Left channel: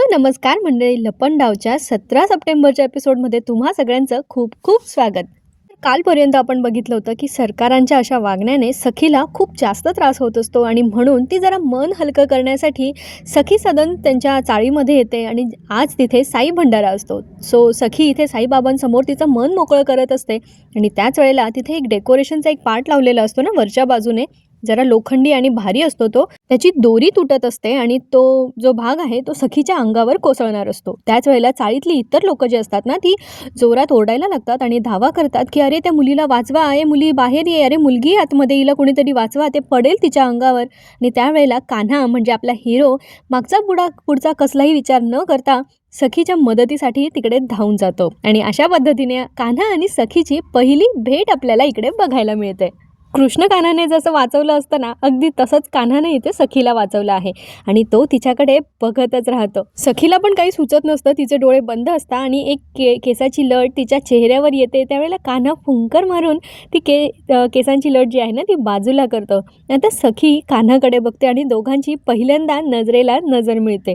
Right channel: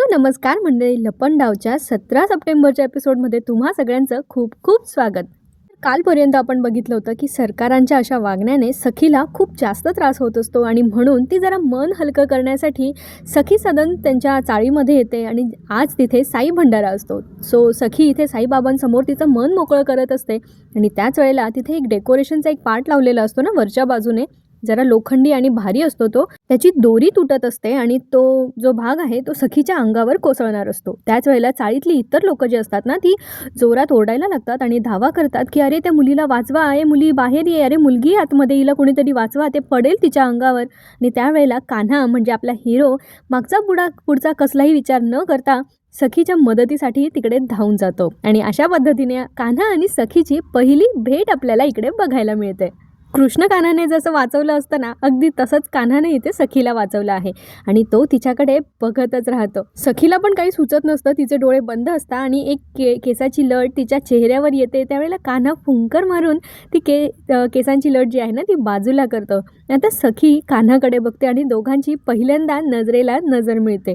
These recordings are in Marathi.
हॅलो नमस्कार मंडळी. लपनडावच्या सतरा सप्टेंबरच्या एपिसोडमध्ये तुम्हा सगळ्यांचं खूप खूप स्वागत. कालपर्यंत आपण बघितलं होतं की सरकारांच्या अशा वागण्याने सखीला खूप जास्त त्रास होत असतो आणि म्हणून ती जरा मन हलकं करण्यासाठी सखी सदन त्यांच्या चाळीमध्ये येते आणि आज तिथे साई भंडारा असतो. सो सखी इथे साईबाबांसमोर तिचं मन मोकळं करत असते आणि त्याच वेळेला तिथे एक डेकोरेशनचा एक पार्ट लावलेला असतो ना वरच्या बाजूने. जरा लोखंडी आणि भारी असतो तो त्याची दोरी तुटत असते आणि तो जो भाग आहे तो सखीच्या अंगावर कोसळणार असतो. त्याच वेळेला चाळीतली इतर लोक जी असतात ना ती जोरात ओरडायला लागतात आणि धावा करतात की अरे त्या मुलीला वाचवा. आहे मुली बाहेर ये. अरे मुलगी आतमध्ये येईल कोणीतरी वाचवा. ते पडेल तिच्या अंगावर. आणि त्यावेळेला कान्हा म्हणजे आपला हिरो मागचा पुढा पुढचा कसलाही विचार न करता सखीच्या मदतीसाठी तिकडे धावून जातो. आणि अशा पद्धतीने कान्हा आणि सखीची पहिली भेट आपल्याला इकडे बघायला मिळते. कृष्ण कान्हाने जसं वाचवलं असतं ना अगदी तसंच कान्हाने इथे सखीला वाचवलं आहे. आणि तो तिच्याकडे बघतच राहतो. सखीला पण काही सुचत नसतं तिचे डोळे बंद असतात आणि एक के केसाची लट तिच्या चेहऱ्यावर येते. त्यावेळेला कान्हा फुंकर मारून ती के केसांची लट जी आहे ना ती बाजूला करतो. आता सखी कान्हाकडे बघते आणि दोघांची पहिल्यांदा नजरेला नजर मिळते.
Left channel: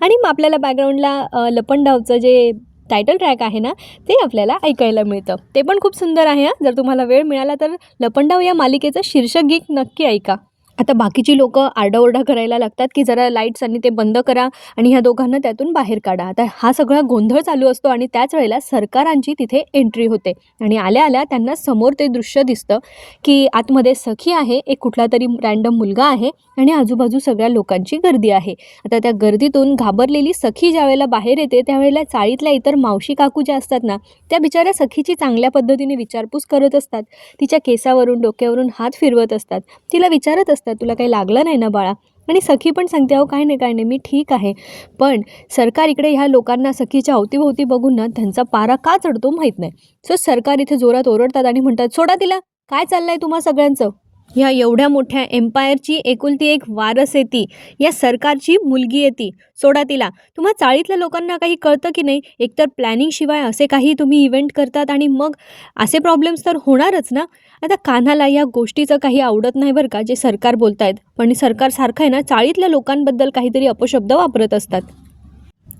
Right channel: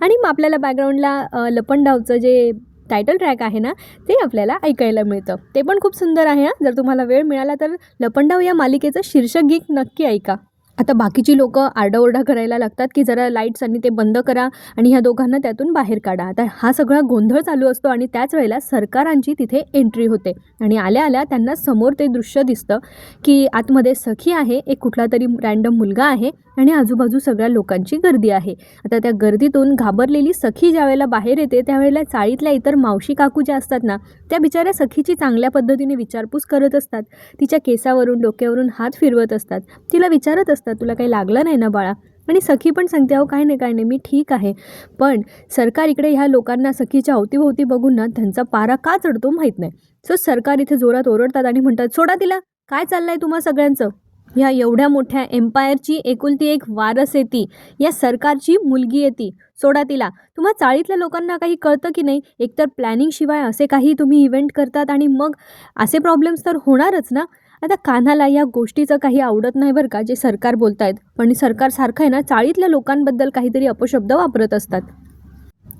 आणि मग आपल्याला बॅकग्राऊंडला लपंडावचं जे टायटल ट्रॅक आहे ना ते आपल्याला ऐकायला मिळतं. ते पण खूप सुंदर आहे हां. जर तुम्हाला वेळ मिळाला तर लपंडाव या मालिकेचं शीर्षक गीत नक्की ऐका. आता बाकीची लोक आरडाओरडा करायला लागतात की जरा लाईट्स आणि ते बंद करा आणि ह्या दोघांना त्यातून बाहेर काढा. आता हा सगळा गोंधळ चालू असतो आणि त्याच वेळेला सरकारांची तिथे एंट्री होते. आणि आल्या आल्या त्यांना समोर ते दृश्य दिसतं की आतमध्ये सखी आहे एक कुठला तरी रँडम मुलगा आहे आणि आजूबाजू सगळ्या लोकांची गर्दी आहे. आता त्या गर्दीतून घाबरलेली सखी ज्यावेळेला बाहेर येते त्यावेळेला चाळीतल्या इतर मावशी काकू ज्या असतात ना त्या बिचाऱ्या सखीची चांगल्या पद्धतीने विचारपूस करत असतात. तिच्या केसावरून डोक्यावरून हात फिरवत असतात. तिला विचारत असतात तुला काही लागलं नाही ना बाळा? आणि सखी पण सांगते अहो काय नाही काय नाही मी ठीक आहे. पण सरकार इकडे ह्या लोकांना सखीच्या अवतीभोवती बघून ना त्यांचा पारा का चढतो माहीत नाही. सो सरकार इथे जोरात ओरडतात आणि म्हणतात सोडा तिला. काय चाललंय तुम्हा सगळ्यांचं? ह्या एवढ्या मोठ्या एम्पायरची एकुलती एक वारस येती. या सरकारची मुलगी येते. सोडा तिला. तुम्हा चाळीतल्या लोकांना काही कळतं की नाही? एकतर प्लॅनिंगशिवाय असे काही तुम्ही इव्हेंट करतात आणि मग असे प्रॉब्लेम्स तर होणारच ना? आता कान्हाला या गोष्टीचं काही आवडत नाही बरं का जे सरकार बोलतायत. पण सरकार सारखं आहे ना चाळीतल्या लोकांबद्दल काहीतरी अपशब्द वापरत असतात.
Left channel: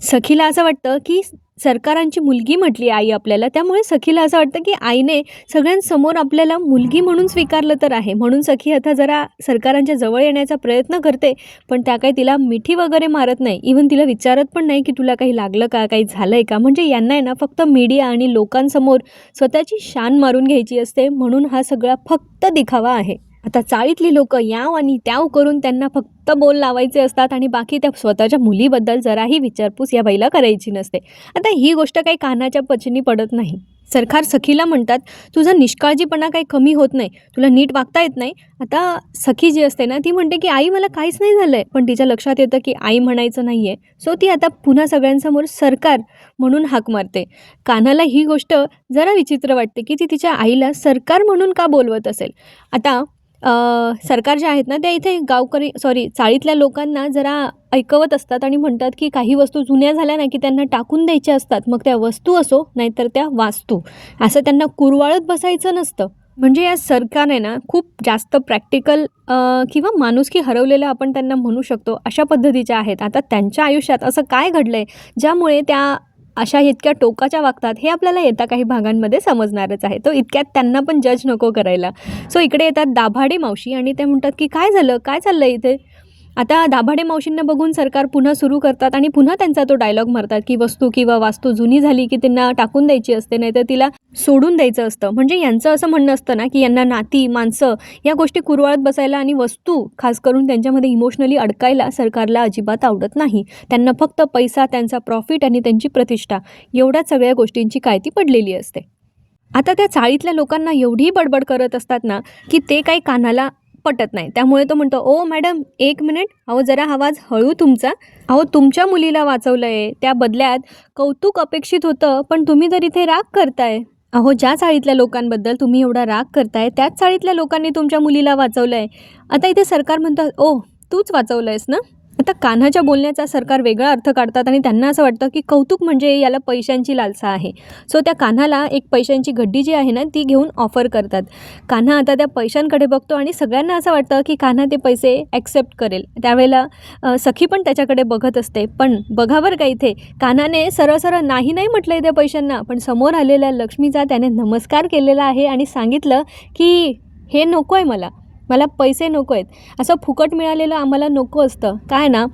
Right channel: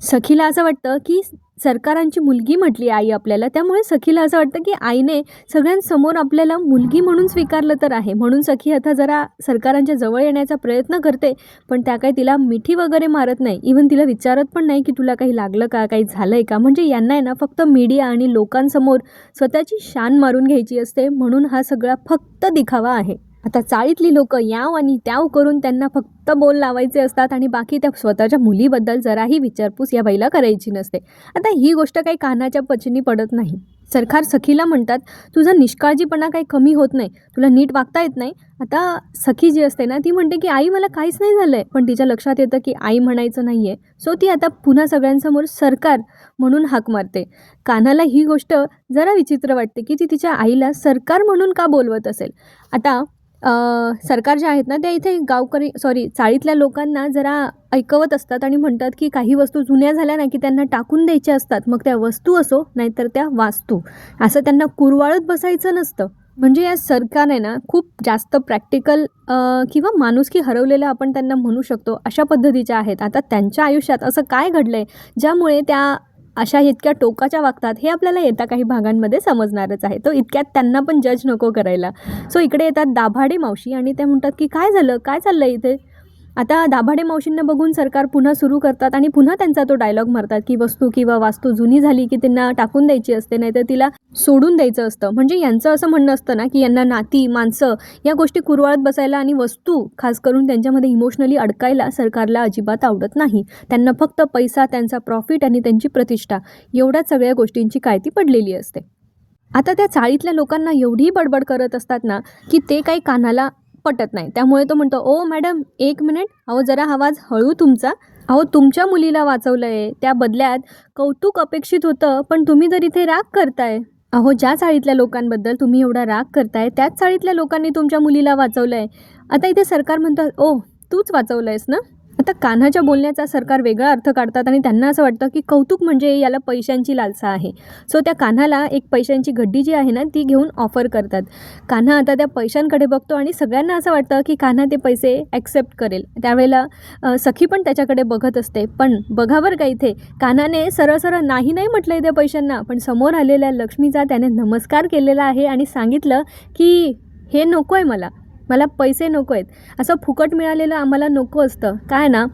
सखीला असं वाटतं की सरकारांची मुलगी म्हटली आई आपल्याला. त्यामुळे सखीला असं वाटतं की आईने सगळ्यांसमोर आपल्याला मुलगी म्हणून स्वीकारलं तर आहे. म्हणून सखी आता जरा सरकारांच्या जवळ येण्याचा प्रयत्न करते पण त्या काही तिला मिठी वगैरे मारत नाही. इव्हन तिला विचारत पण नाही की तुला काही लागलं का काही झालं आहे का? म्हणजे यांना आहे ना फक्त मीडिया आणि लोकांसमोर स्वतःची शान मारून घ्यायची असते. म्हणून हा सगळा फक्त दिखावा आहे. आता चाळीतली लोक याव आणि त्याव करून त्यांना फक्त बोल लावायचे असतात आणि बाकी त्या स्वतःच्या मुलीबद्दल जराही विचारपूस या बाईला करायची नसते. आता ही गोष्ट काही कानाच्या पचनी पडत नाही. सरकार सखीला म्हणतात तुझा निष्काळजीपणा काही कमी होत नाही. तुला नीट वागता येत नाही. आता सखी जी असते ना ती म्हणते की आई मला काहीच नाही झालं आहे पण तिच्या लक्षात येतं की आई म्हणायचं नाही आहे सो ती आता पुन्हा सगळ्यांसमोर सरकार म्हणून हाक मारते. कानाला ही गोष्ट जरा विचित्र वाटते की ती तिच्या आईला सरकार म्हणून का बोलवत असेल? आता सरकार जे आहेत ना ते इथे गावकरी सॉरी चाळीतल्या लोकांना जरा ऐकवत असतात आणि म्हणतात की काही वस्तू जुन्या झाल्या ना की त्यांना टाकून द्यायच्या असतात. मग त्या वस्तू असो नाहीतर त्या वास्तू. असं त्यांना कुरवाळत बसायचं नसतं. म्हणजे या सरकारने ना खूप जास्त प्रॅक्टिकल किंवा माणुसकी हरवलेलं आपण त्यांना म्हणू शकतो अशा पद्धतीच्या आहेत. आता त्यांच्या आयुष्यात असं काय घडलं आहे ज्यामुळे त्या अशा इतक्या टोकाच्या वागतात हे आपल्याला येत्या काही भागांमध्ये समजणारच आहे. तो इतक्यात त्यांना पण जज नको करायला. सो इकडे येतात दाभाडे मावशी आणि ते म्हणतात की काय झालं? काय चाललं इथे? आता दाभाडे मावशींना बघून सरकार पुन्हा सुरू करतात आणि पुन्हा त्यांचा तो डायलॉग मारतात की वस्तू किंवा वास्तू जुनी झाली की त्यांना टाकून द्यायची असते नाहीतर तिला सोडून द्यायचं असतं. म्हणजे यांचं असं म्हणणं असतं ना की यांना नाती माणसं या गोष्टी कुरवाळत बसायला आणि वस्तू खास करून त्यांच्यामध्ये इमोशनली अडकायला सरकारला अजिबात आवडत नाही. त्यांना फक्त पैसा त्यांचा प्रॉफिट आणि त्यांची प्रतिष्ठा एवढ्याच सगळ्या गोष्टींची कायती पडलेली असते. आता त्या चाळीतल्या लोकांना एवढी बडबड करत असतात ना की ते काही कानाला पटत नाही. त्यामुळे तो म्हणतो ओ मॅडम एक मिनिट. अहो जरा आवाज हळू तुमचा. अहो तुमच्या मुलीला वाचवलं आहे त्या बदल्यात कौतुक अपेक्षित होतं पण तुम्ही जर इथे राग करताय. अहो ज्या चाळीतल्या लोकांबद्दल तुम्ही एवढा राग करताय त्याच चाळीतल्या लोकांनी तुमच्या मुलीला वाचवलं आहे आता इथे सरकार म्हणतात ओ तूच वाचवलं आहेस ना? आता कान्हाच्या बोलण्याचा सरकार वेगळा अर्थ काढतात आणि त्यांना असं वाटतं की कौतुक म्हणजे याला पैशांची लालसा आहे. सो त्या कान्हाला एक पैशांची गड्डी जी आहे ना ती घेऊन ऑफर करतात. कान्हा आता त्या पैशांकडे बघतो आणि सगळ्यांना असं वाटतं की कान्हा ते पैसे ॲक्सेप्ट करेल. त्यावेळेला सखी पण त्याच्याकडे बघत असते. पण बघा बरं का इथे कान्हाने सरळ सरळ नाही नाही म्हटलं त्या पैशांना पण समोर आलेल्या लक्ष्मीचा त्याने नमस्कार केलेला आहे आणि सांगितलं की हे नको आहे मला. मला पैसे नको आहेत. असं फुकट मिळालेलं आम्हाला नको असतं. काय ना?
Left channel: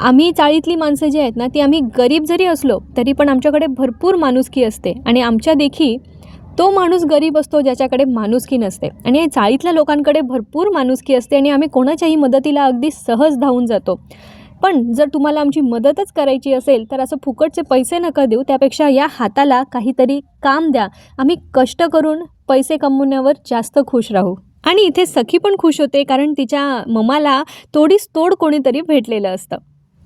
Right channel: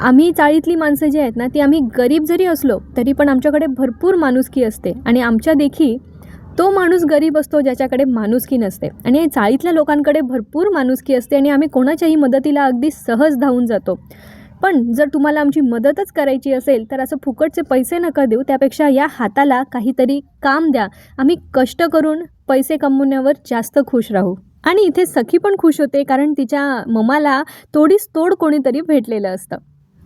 आम्ही चाळीतली माणसं जी आहेत ना ती आम्ही गरीब जरी असलो तरी पण आमच्याकडे भरपूर माणुसकी असते. आणि आमच्या देखी तो माणूस गरीब असतो ज्याच्याकडे माणुसकी नसते. आणि चाळीतल्या लोकांकडे भरपूर माणुसकी असते आणि आम्ही कोणाच्याही मदतीला अगदी सहज धावून जातो. पण जर तुम्हाला आमची मदतच करायची असेल तर असं फुकटचे पैसे नका देऊ. त्यापेक्षा या हाताला काहीतरी काम द्या. आम्ही कष्ट करून पैसे कमवण्यावर जास्त खुश राहू. आणि इथे सखी पण खुश होते कारण तिच्या ममाला तोडीस तोड कोणीतरी भेटलेलं असतं.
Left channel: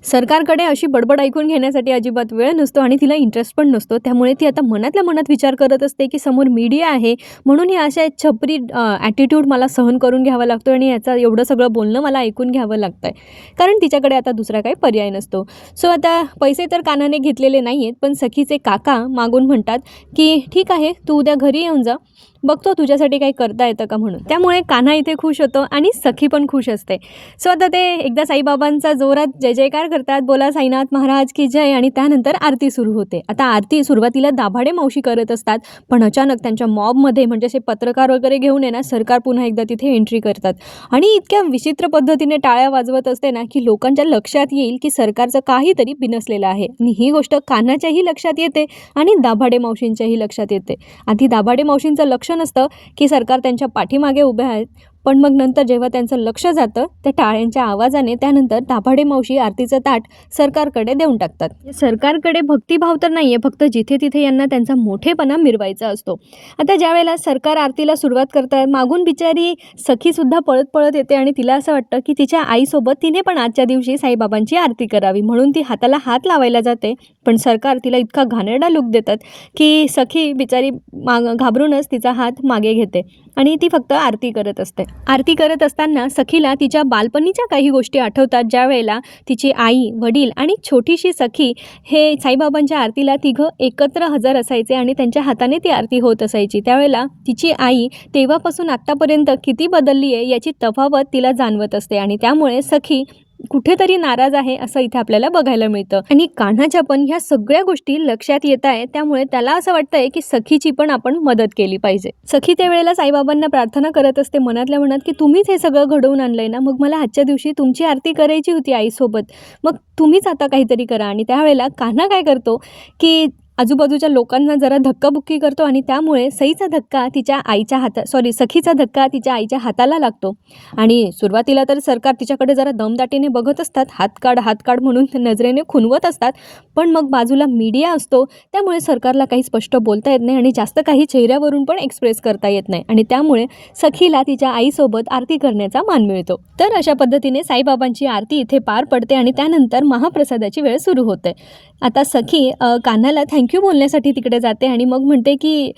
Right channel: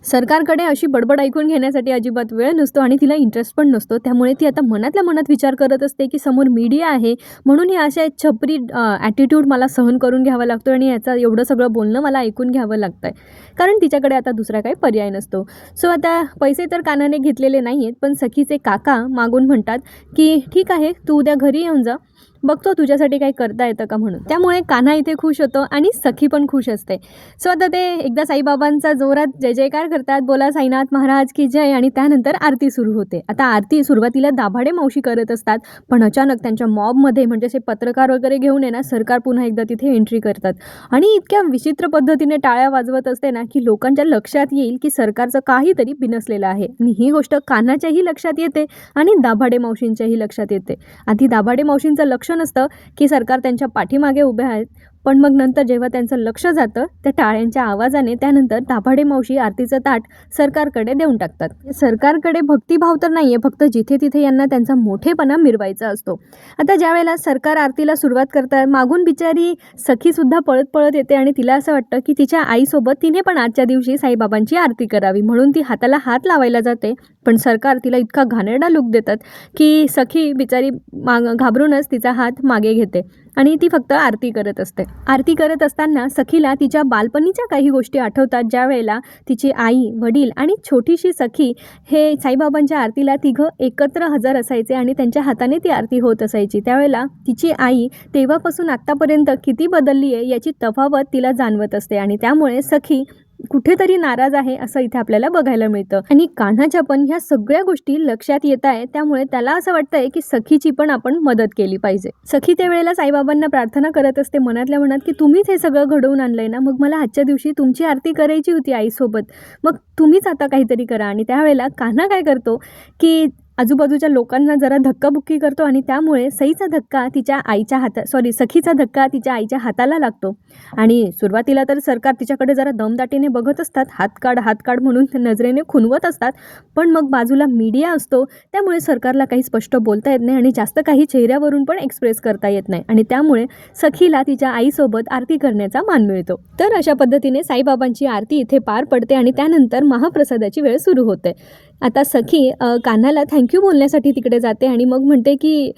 सरकारकडे अशी बडबड ऐकून घेण्यासाठी अजिबात वेळ नसतो आणि तिला इंटरेस्ट पण नसतो. त्यामुळे ती आता मनातल्या मनात विचार करत असते की समोर मीडिया आहे. म्हणून हे अशा छपरी ॲटिट्यूड मला सहन करून घ्यावा लागतो आणि याचा एवढं सगळं बोलणं मला ऐकून घ्यावं लागतं आहे कारण तिच्याकडे आता दुसरा काही पर्याय नसतो. सो आता पैसे तर कानाने घेतलेले नाही आहेत पण सखीचे काका मागून म्हणतात की ठीक आहे तू उद्या घरी येऊन जा. बघतो तुझ्यासाठी काही करता येतं का म्हणून. त्यामुळे कान्हा इथे खुश होतो आणि सखी पण खुश असते. सो आता ते एकदा साईबाबांचा जोरात जय जयकार करतात. बोला साईनाथ महाराज की जय आणि त्यानंतर आरती सुरू होते. आता आरती सुरुवातीला दाभाडे मावशी करत असतात पण अचानक त्यांच्या मॉबमध्ये म्हणजे असे पत्रकार वगैरे घेऊन येणार सरकार पुन्हा एकदा तिथे एंट्री करतात. आणि इतक्या विचित्र पद्धतीने टाळ्या वाजवत असते ना की लोकांच्या लक्षात येईल की सरकारचं काहीतरी बिनसलेलं आहे. आणि ही गोष्ट कानाच्याही लक्षात येते आणि दाभाडे मावशींच्याही लक्षात येते. आधी दाभाडे मावशींचं लक्ष नसतं की सरकार त्यांच्या पाठीमागे उभे आहेत. पण मग नंतर जेव्हा त्यांचं लक्ष जातं त्या टाळ्यांच्या आवाजाने त्यानंतर दाभाडे मावशी आरतीचं ताट सरकारकडे देऊन टाकतात. सरकारकडे भक्तिभाव तर नाही आहे फक्त जिथे तिथे यांना त्यांचा मोठेपणा मिरवायचा असतो. आता ज्यावेळेला सरकार आरतीला सुरुवात करतात मागून बिचारी सखीसुद्धा पळत पळत येते आणि तिला असं वाटतं की तिच्या आईसोबत तिने पण आजच्या दिवशी साईबाबांची आरती करावी म्हणून ती हाताला हात लावायला जाते. पण सरकार तिला इतका घाणेरडा लुक देतात की सखी बिचारी माग घाबरूनच तिचा हात मागे घेते. आणि ती फक्त आरती करत असते. आरती करत असताना सखीला तिच्या बालपणीच्या काही गोष्टी आठवतात ज्या वेळेला तिची आई वडील आणि छोटीशी सखी हे साईबाबांच्या आरतीला तिघं एकत्र हजर असायचे आणि त्यांच्या हाताने ती आरती होत असायची. त्यावेळेला तिची आई तेव्हापासून आत्तापर्यंत किती बदलली आहे याची तफावत तिला जाणवत असते आणि त्यामुळे सखी कुठेतरी नाराज आहे असं इथे आपल्याला बघायला मिळतं. आणि कान्हाच्या पण ह्या सगळ्या गोष्टी लक्षात येत आहे त्यामुळे त्याला असं वाटतंय की सखीची पण आपण मदत केली पाहिजे. सखी त्यावेळेला साईबाबांना प्रार्थना करत असते. मनातल्या मनात की तुम्हीच हे सगळं घडवून आणलंय ना? मग मला आजच्या दिवशी तुमची आरती करायची होती आईसोबत. मग तुम्हीच आता काहीतरी करा. आणि त्यावेळेला कान्हा काय करतो की आजूबाजूच्या लोकांना जरा धक्काबुक्की करतो आणि त्यामुळे सईचा धक्का तिच्या आईच्या हाता सॉरी सखीचा धक्का तिच्या आईच्या हाताला लागतो. आणि सुरुवातीला तर सरकार तिच्याकडे जरा दमदाटीने बघत असतात हात काढ हात काढ म्हणून नजरेने खुनवत असतात. पण मग बाजूला मीडिया असतो त्यामुळे सरकारला काही स्पष्ट बोलता येत नाही आणि जास्त काही चेहऱ्यावरून पण एक्सप्रेस करता येत नाही. आणि त्यामुळे सखीला तिच्या आईसोबत आरती करण्याचा मान मिळतो. तर अशा पद्धतीने साईबाबांची आरती इथे पार पडते आणि त्यानंतर महाप्रसादाची वेळ सुरू होते. आता सखी कान्हाला थँक्यू बोलण्यासाठी तिकडे जाते आणि मग म्हणते की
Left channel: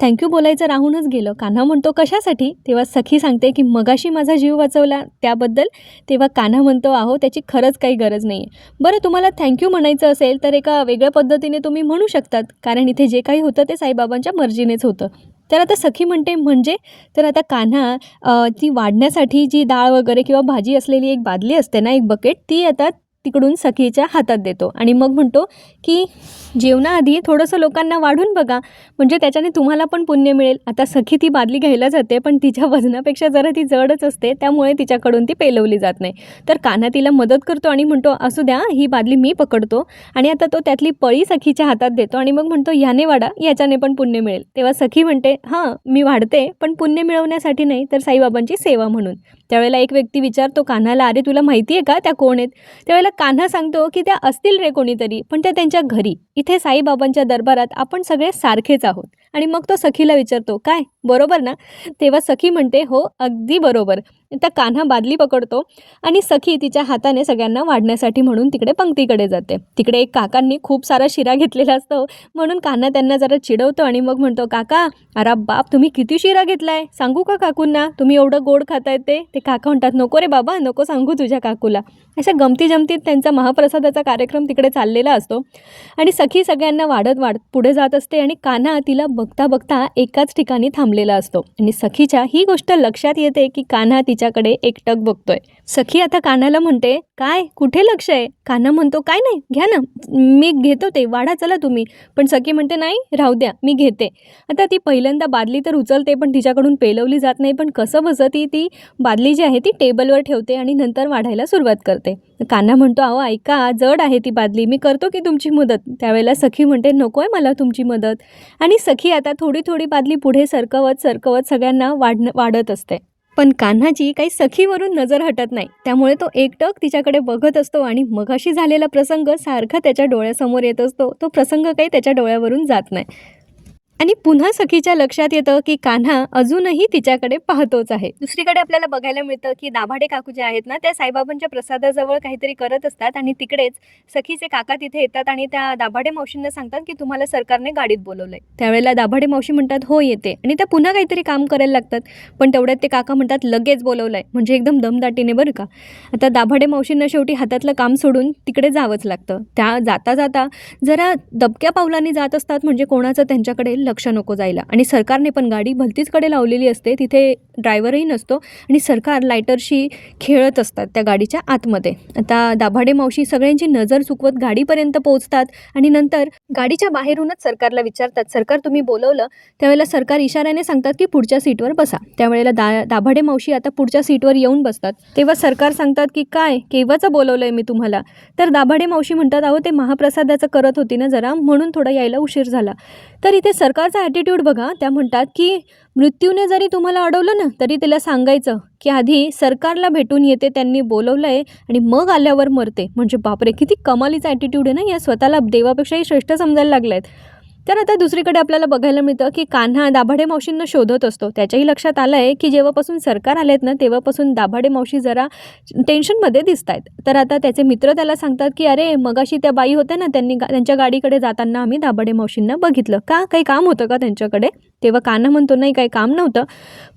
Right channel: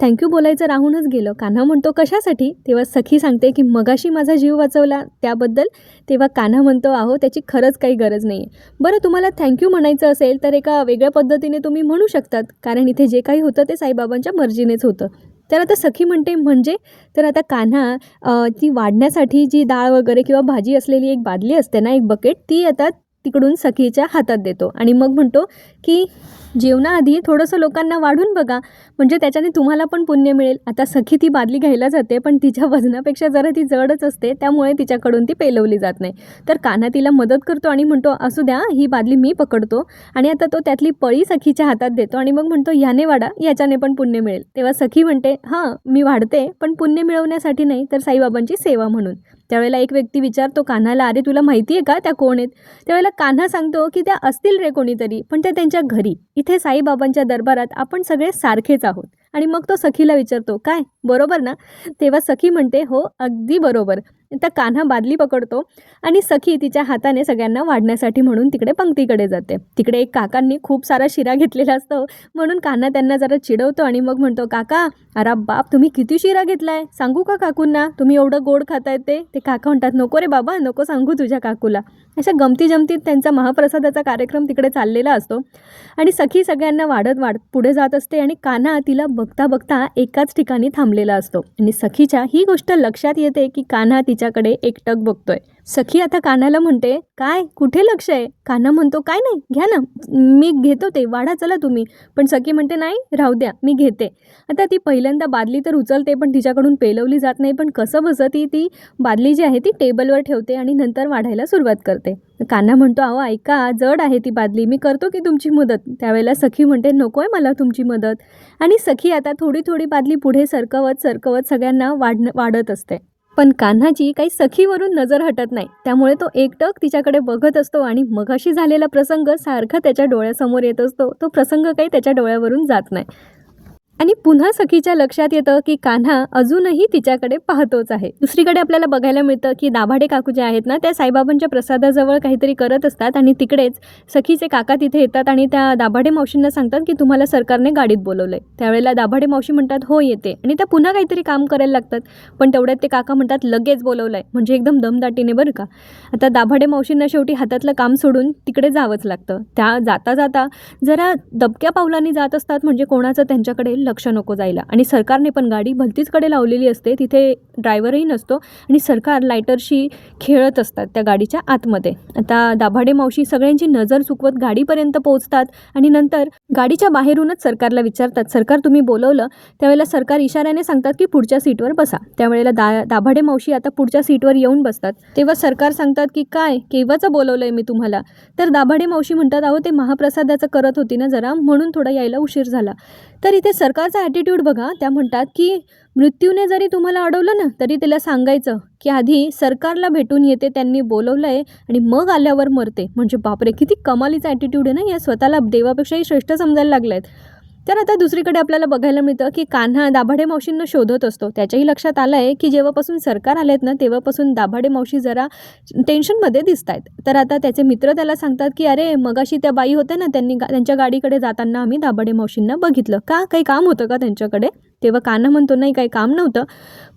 थँक्यू बोलायचं राहूनच गेलं. कान्हा म्हणतो कशासाठी? तेव्हा सखी सांगते की मगाशी माझा जीव वाचवला त्याबद्दल. तेव्हा कान्हा म्हणतो आहो त्याची खरंच काही गरज नाही आहे बरं तुम्हाला थँक्यू म्हणायचं असेल तर एका वेगळ्या पद्धतीने तुम्ही म्हणू शकतात. कारण इथे जे काही होतं ते साईबाबांच्या मर्जीनेच होतं. तर आता सखी म्हणते म्हणजे? तर आता कान्हा ती वाढण्यासाठी जी डाळ वगैरे किंवा भाजी असलेली एक बादली असते ना एक बकेट ती आता तिकडून सखीच्या हातात देतो. आणि मग म्हणतो की जेवणाआधी थोडंसं लोकांना वाढून बघा. म्हणजे त्याच्याने तुम्हाला पण पुण्य मिळेल. आता सखी ती बादली घ्यायला जाते पण तिच्या वजनापेक्षा जरा ती जडच असते त्यामुळे तिच्याकडून ती पेलवली जात नाही. तर कान्हा तिला मदत करतो आणि म्हणतो असू द्या ही बादली मी पकडतो आणि आता तो त्यातली पळी सखीच्या हातात देतो आणि मग म्हणतो याने वाढा याच्याने पण पुण्य मिळेल. तेव्हा सखी म्हणते हां मी वाढते पण पुण्य मिळवण्यासाठी नाही तर साईबाबांची सेवा म्हणून. त्यावेळेला एक व्यक्ती विचारतो कान्हाला अरे तुला माहिती आहे का त्या कोण आहेत? त्यावेळेला कान्हा सांगतो की त्या असतील रे कोणीतरी पण त्या त्यांच्या घरी इथे साईबाबांच्या दरबारात आपण सगळे सारखेच आहोत. आणि मग तो सखीला विचारतो काय? बरोबर ना? तेव्हा सखी म्हणते हो अगदी बरोबर. त्या कान्हा बादली पकडतो आणि सखी तिच्या हाताने सगळ्यांना वाढण्यासाठी म्हणून तिकडे पंक्तीकडे जाते. तिकडे एक काकांनी खूप सारा शिरा घेतलेला असतो. म्हणून कान्हा त्यांना जरा चिडवतो आणि मग म्हणतो काका अरे बाप तुम्ही किती शिरा घेतलाय? सांगू का काकूंना? तुम्ही एवढं गोड खाताय ते. ते काका म्हणतात नको रे बाबा नको सांगू तुझ्या काकूला. अशा गमती जमतीत त्यांचा महाप्रसादाचा कार्यक्रम तिकडे चाललेला असतो. आणि सखी सगळ्यांना वाढत वाढत पुढे जात असते आणि कान्हा तिला बघता बघता एकाच ठिकाणी थांबलेला असतो. आणि सखीच्या ही गोष्ट लक्षात येते की कान्हा तिच्याकडे एकटक बघतोय. सखी आता कान्हाला म्हणते काय? कुठे लक्ष आहे? कान्हा म्हणतो काय नाही घ्या ना. मी घेतो ते. वाढा चला तुम्ही. पण सखी म्हणते नाही राहू द्या. मी घेते. आता ती पहिल्यांदा बादली तर उचलते पण तिच्याकडून पेलवली जात नाही. पण कसं बसं ती ती? बादली जी आहे ती टेबलवर ठेवते आणि नंतर वाढायला सुरुवात करते. कान्हा म्हणतो अहो ऐका जड आहे ती बादली. मी करतो की तुमची मदत? त्यावेळेला सखी म्हणते नको आहे मला तुमची मदत. आणि सखी आता थोडी थोडी बादली पुढे सरकवत सरकवत सगळ्यांना वाढ वाढत असते. पण कान्हाची काही सखीवरून नजर हटत नाही. त्यामुळे तो एकटक तिच्याकडे बघत असतो आणि मगाशी झालेला प्रसंग सारखा त्याच्या डोळ्यासमोर येत असतो. तो प्रसंग काही त्याच्या डोळ्यावरून जात नाही. आणि पुन्हा सखीच्या लक्षात येतं की कान्हा अजूनही तिच्याकडे पाहतोच आहे. दुसरीकडे आपल्याला बघायला मिळतं की दाभाडे काकू जे आहेत ना त्या साईबाबांच्या प्रसादाजवळ काहीतरी करत असतात आणि तिकडेच सखीचे काका तिथे येतात आणि त्या दाभाडे मावशींना सांगतात की तुम्हाला सरकारने गाडीत बोलवलंय. त्यावेळेला दाभाडे मावशी म्हणतात हो येते. आणि त्या पुन्हा काहीतरी काम करायला लागतात. पण तेवढ्यात ते काका म्हणतात लगेच बोलवलंय. म्हणजे एकदम दमदाटीने बरं का. आता दाभाडे मावशींना शेवटी हातातलं काम सोडून तिकडे जावंच लागतं. त्या जाता जाता जरा दबक्या पावलांनी जात असतात म्हणजे कोणाचं त्यांच्याकडे लक्ष नको जायला. आणि सरकारने पण गाडी भलतीचकडे लावलेली असते तिथे ड्रायव्हरही नसतो आणि सरकार लायटरशी खेळत असतात त्या गाडीच्या आतमध्ये. आता दाभाडे मावशी सगळ्यांची नजर चुकवत गाडीपर्यंत पोहोचतात आणि नंतर गाडीच्या बाहेरूनच सरकारला विचारतात सरकार तुम्ही बोलवलं. त्यावेळेला सरकार इशाऱ्याने सांगतात की पुढच्या सीटवर बसा. त्यावेळेला दा दाभाडे मावशी आता पुढच्या सीटवर येऊन बसतात. तेव्हा सरकार सांगतात की काय? केव्हाचं बोलवलंय मी तुम्हाला? तर दाभाडे मावशी म्हणतात अहो ते महाप्रसादाचं करत होती ना जरा म्हणून थोडा यायला उशीर झाला. तर इथे सरकारचा ॲटिट्यूड बघा त्या म्हणतात की मृत्यूने जरी तुम्हाला अडवलं ना तरी तिला सांगायचं की आधी सरकारला भेटून येते त्यांनी बोलवलं आहे आणि मग आल्यावर मरते. म्हणजे बापरे किती कमालीचा ॲटिट्यूड आहे ना या स्वतःला देवापेक्षाही श्रेष्ठ समजायला लागल्या आहेत तर आता दुसरीकडे आपल्याला बघायला मिळतं की कान्हा दाभाडे मावशींना शोधत असतो. त्याच्याही लक्षात आलं आहे की जेव्हापासून सरकार आलेत ना तेव्हापासून दाभाडे मावशी जरा टेन्शनमध्ये दिसत आहेत तर आता त्याचे मित्र त्याला सांगतात की अरे मगाशी त्या बाई होत्या ना त्यांनी गा त्यांच्या गाडीकडे जाताना आम्ही दाभाडे मावशींना बघितलं. का? काही काम होतं का त्यांच्याकडे? तेव्हा कान्हा म्हणतो नाही काही काम नव्हतं.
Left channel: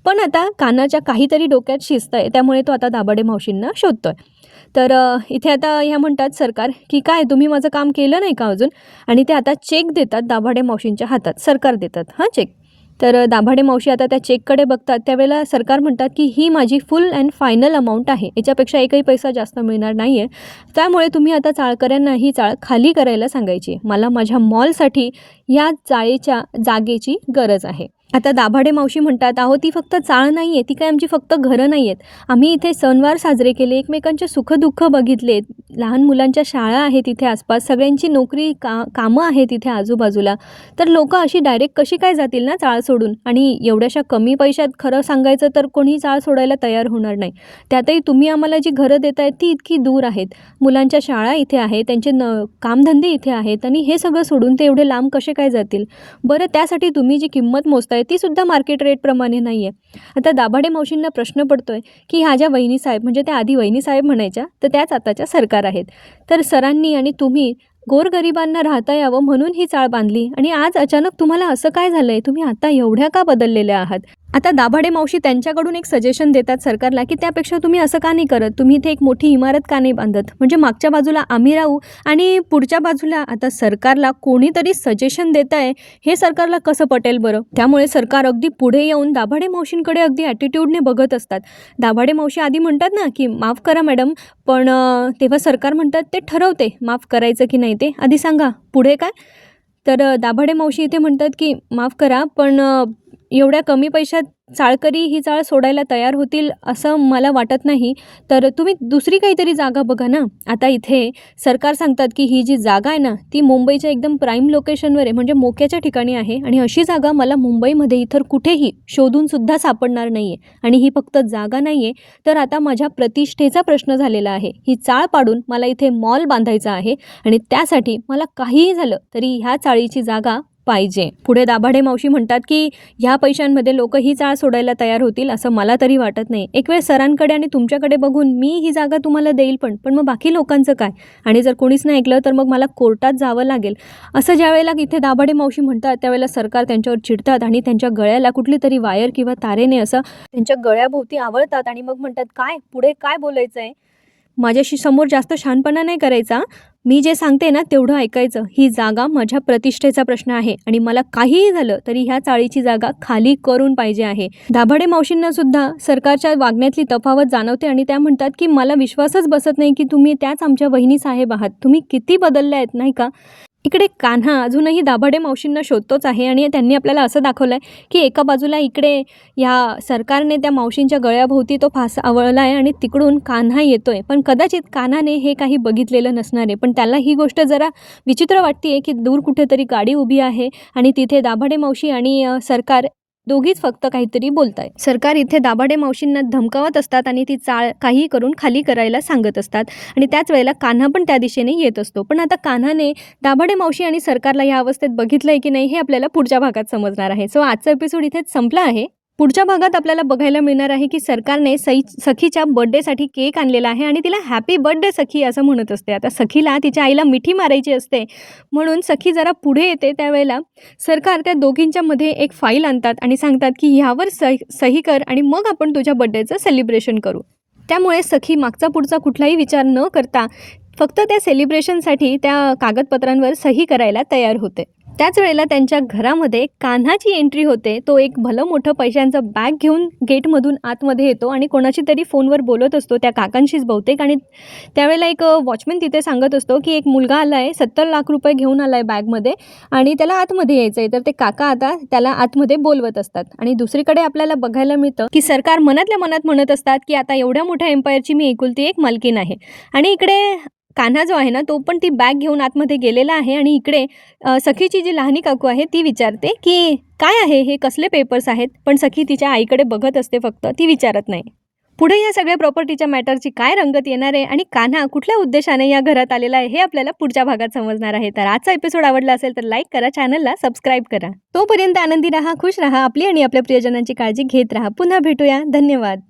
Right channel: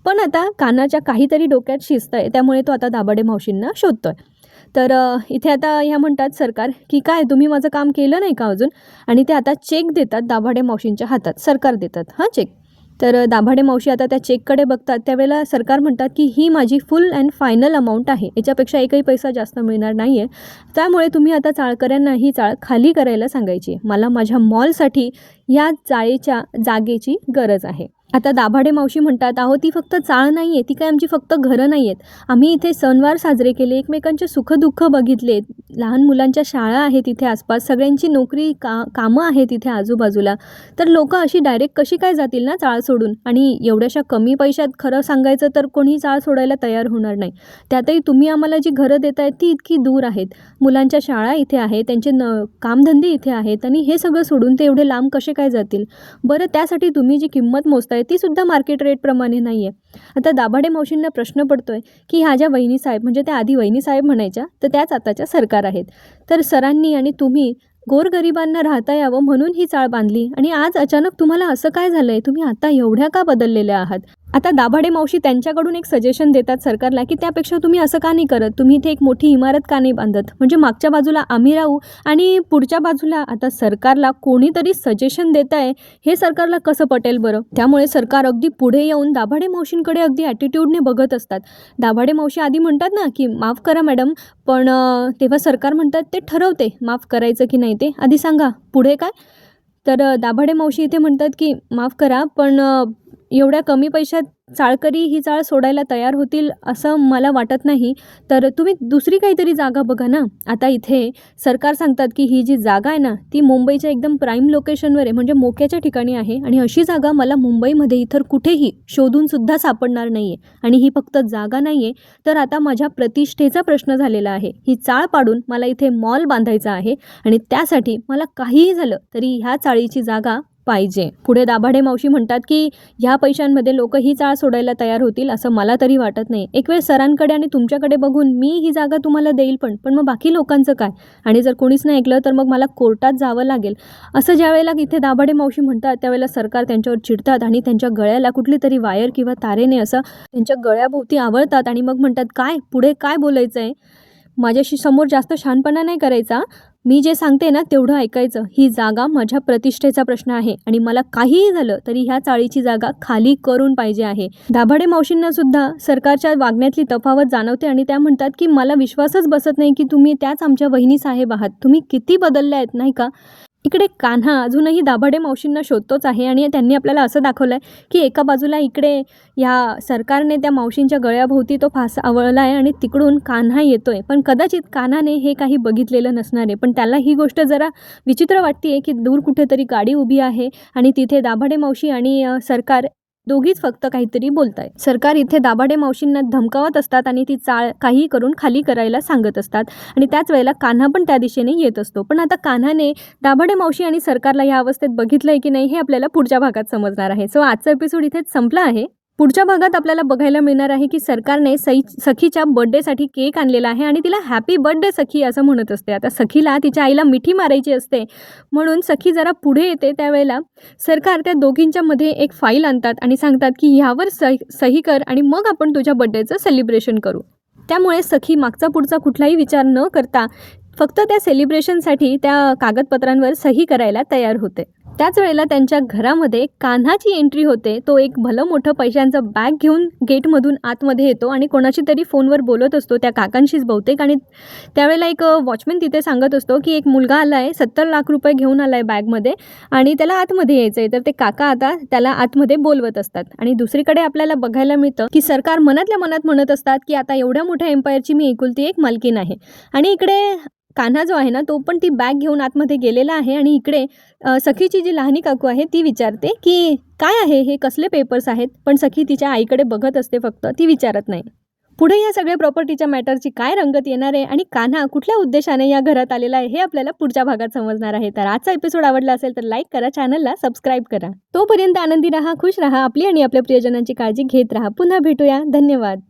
पण आता कानाच्या काहीतरी डोक्यात शिस्त आहे त्यामुळे तो आता दाभाडे मावशींना शोधतोय. तर इथे आता ह्या म्हणतात सरकार की काय? तुम्ही माझं काम केलं नाही का अजून? आणि ते आता चेक देतात दाभाडे मावशींच्या हातात सरकार देतात. हां चेक तर दाभाडे मावशी आता त्या चेककडे बघतात. त्यावेळेला सरकार म्हणतात की ही माझी फुल अँड फायनल अमाऊंट आहे. याच्यापेक्षा एकही पैसा जास्त मिळणार नाही आहे त्यामुळे तुम्ही आता चाळकऱ्यांना ही चाळ खाली करायला सांगायची. मला माझ्या मॉलसाठी या चाळीच्या जागेची गरज आहे. आता दाभाडे मावशी म्हणतात आहो ती फक्त चाळ नाही आहे ती काय आमची फक्त घरं नाही आहेत आम्ही इथे सणवार साजरे केले एकमेकांचे सुखदुःख बघितले. लहान मुलांच्या शाळा आहेत इथे आसपास सगळ्यांची नोकरी का कामं आहेत इथे आजूबाजूला. तर लोक अशी डायरेक्ट कशी काय जातील ना चाळ सोडून? आणि एवढ्याशा कमी पैशात खरं सांगायचं तर कोणी चाळ सोडायला तयार होणार नाही. त्यातही तुम्ही आम्हाला जी घरं देत आहेत ती इतकी दूर आहेत. मुलांच्या शाळा इथे आहे त्यांचे न कामधंदे इथे आहेत आणि हे सगळं सोडून ते एवढे लांब कसे काय जातील? बरं त्यासाठी तुम्ही जी किंमत मोजताय ती सुद्धा मार्केट रेटप्रमाणे नाही आहे आता दाभाडे मावशींना प्रश्न पडतो आहे की ह्या ज्या वहिनी साहेब म्हणजे त्या आधी वहिनी साहेब म्हणायच्या तर त्याच आताच्या सरकार आहेत. तर सरांनी आणि तुम्ही गोरगरिबांना राहता यावं म्हणून ही चाळ बांधली आणि आज अचानक तुम्हाला असं काय झालं आहे तुम्ही आता एवढ्या का बदललेल्या आहात? आता दाभाडे मावशी त्यांच्याकडून एक सजेशन देतात सरकारला की त्यापेक्षा तुम्ही असं का नाही करत? तुम्ही इथे एक मोठी इमारत का नाही बांधत? म्हणजे मागच्या बाजूला आम्ही राहू आणि पुढच्या बाजूला आता सरकारला कोणीतरी सजेशन देत आहे हे सरकारला कसं पटेल बरं? त्यामुळे सरकार अगदी पुढे येऊन दाभाडे मावशींकडे अगदी ॲटिट्यूडने बघत असतात. दाभाडे मावशी आधी म्हणतात ना की माफ करा मॅडम पण तेव्हा सरकार म्हणतात ते ठरवते माफ करायचं की नाही ते. आधी सांगा पुढे काय? तर दाभाडे मावशी इथे म्हणतात की माफ करा पण एवढ्या कमी पैशात चाळकरी ही चाळ सोडायला तयार होतील असं मला वाटत नाही. तर तुम्ही दुसरी काहीतरी जागा बघा ना. आता इथे सरकार सांगतात की ही जी जागा आहे ना ती मुंबईच्या एकदम प्राईम लोकेशनवर आहे. म्हणजे मोक्याच्या ठिकाणी आहे. आणि अशी जागा मला मुंबईमध्ये इतर कुठेही शोधूनसुद्धा सापडणार नाही आहे आणि ही फक्त जागा नाही आहे तर आता माझ्या प्रतिष्ठेचा प्रश्न झालेला आहे. ही चाळ पाडून मला इथे मॉल बांधायचा आहे. आणि त्यासाठी मला काहीही झालं तरी ह्या चाळीची जागा पाहिजे. पुढे दाभाडे मावशी म्हणतात की ह्या पैशांमध्ये लोक ही चाळ सोडायला तयार होतील असं मला तरी वाटत नाही. एक वेळ सरांकडे आणि तुमच्याकडे बघून मी ही जागा तुम्हाला देईल पण पण मग बाकी लोकांचं काय? आणि जर कोणीच नाही ऐकलं तर मग मला कोर्टात जावं लागेल. असं ज्या वेळेला इथे दाभाडे मावशी म्हणतात त्यावेळेला सरकार त्यांच्यावर चिडतात आणि त्यांच्या गळ्याला कुठली तरी वायर किंवा तारेने असं त्यांच्या गळ्याभोवती आवळतात आणि मग म्हणतात काय? पुढे काय बोलायचं आहे माझ्याशी समोर जास्त शहाणपणा नाही करायचा? मी जे सांगते ना तेवढं ऐकायचं. ही जागा माझ्या प्रतिष्ठेचा प्रश्न आहे आणि मला काहीही झालं तरी ह्या चाळीची जागा खाली करून पाहिजे आहे. दाभाडे मावशींना सुद्धा सरकारच्या वागण्यातली तफावत जाणवते आणि त्या म्हणतात की मला विश्वासच बसत नाही की तुम्ही त्याच आमच्या वहिनी साहेब आहात. तुम्ही किती बदलल्या आहेत नाही का? इकडे कान्हा अजूनही दाभाडे मावशींना शोधतोच आहे आणि त्यांनी आपल्याला असं दाखवलं आहे की एका बाजूला इकडे ह्या सरकारने त्या मावशींच्या गळ्याभोवती तो फास आवळला आहे आणि तिकडून कान्हा येतो आहे पण कदाचित कान्हाने हे काही बघितलेलं नसणार. आहे पण त्याला ही गोष्ट जरा विचित्र वाटते आहे की दूर कुठेतरी गाडी उभी आहे आणि तिथे दाभाडे मावशी आणि सरकार दोघीच फक्त काहीतरी बोलत आहेत सरकार इथे दाभाडे मावशींना धमकावत असतात आणि ती चाळ काही करून खाली करायला सांगत असतात. आणि त्याच वेळेला कान्हा पण त्या दिशेने येत असतो. पण आता कान्हाने दाभाडे मावशी आणि सरकारला या अवस्थेत बघितलंय की नाही हे आपल्याला पुढच्या भागात समजणार आहे. सो आजचा एपिसोड इथेच संपला आहे. पुढच्या भागात आपल्याला बघायला मिळणार आहे की सरकारने सई सखीच्या बर्थडेसाठी केक आणलेला आहे आणि तिला हॅपी बर्थडे सखी असं म्हणत असते. आता सखीला तिच्या आईला मिठी मारायची असते. म्हणून सखी जरा पुढे येते त्यावेळेला सरकार त्या दोघींच्या मध्ये एक फाईल आणतात आणि सांगतात की ह्यावर सही सही कर आणि मग आपण तुझ्या बर्थडेचं सेलिब्रेशन करू. त्यामुळे सखी मागचा पुढचा कुठलाही विचार न करता फक्त त्या सेलिब्रेशनसाठी त्या कागदपत्रांवर सही करायला तयार होते. त्याच वेळेला त्यांच्या घरामध्ये कान्हाची एंट्री होते. तो एक भलं मोठं पैशांचं बॅग घेऊन गेटमधून आतमध्ये येतो आणि कोणाशी तरी फोनवर बोलत असतो. त्या काकांशीच बहुतेक. आणि त्यावेळेला एक वॉचमॅन तिथे सांगत असतो की एक मुलगा आला आहे सत्तर लाख रुपये घेऊन आला आहे बॅगमध्ये आणि त्याला आतमध्ये यायचं आहे तर ते काका आता त्याला आतमध्ये बोलवत असतात. आणि दुसरीकडे आपल्याला बघायला मिळतं की सरकार मनातल्या मनात म्हणत असतात की आता एवढ्या मोठ्या एम्पायरची मी एकुलती एक मालकीन आहे. आणि इकडे कान्हा जो आहे ना तो पण ती बॅग घेऊन आतमध्ये गेलेला आहे आणि इकडे सखीची जी लहानी काकू आहे ती विचारते की काय आहे? हे कसले पेपर्स आहेत? पण सखी तिच्या आईकडे बघत असते फक्त ती विचारत नाही. पुढे या सगळ्या प्रॉपर्टीच्या मॅटरची काय रंगत येणार आहे आणि कान्हा कुठल्या उद्देशाने या घरात आलेला आहे हे आपल्याला पुढच्या भागात समजणार आहे. तर आजचा एपिसोड आवडला असेल तर लाईक करा चॅनलला सबस्क्राईब करा. तोपर्यंत आनंदी राहा खुश राहा आपली आणि आपल्या प्रियजनांची काळजी घेत राहा. पुन्हा भेटूया. धन्यवाद.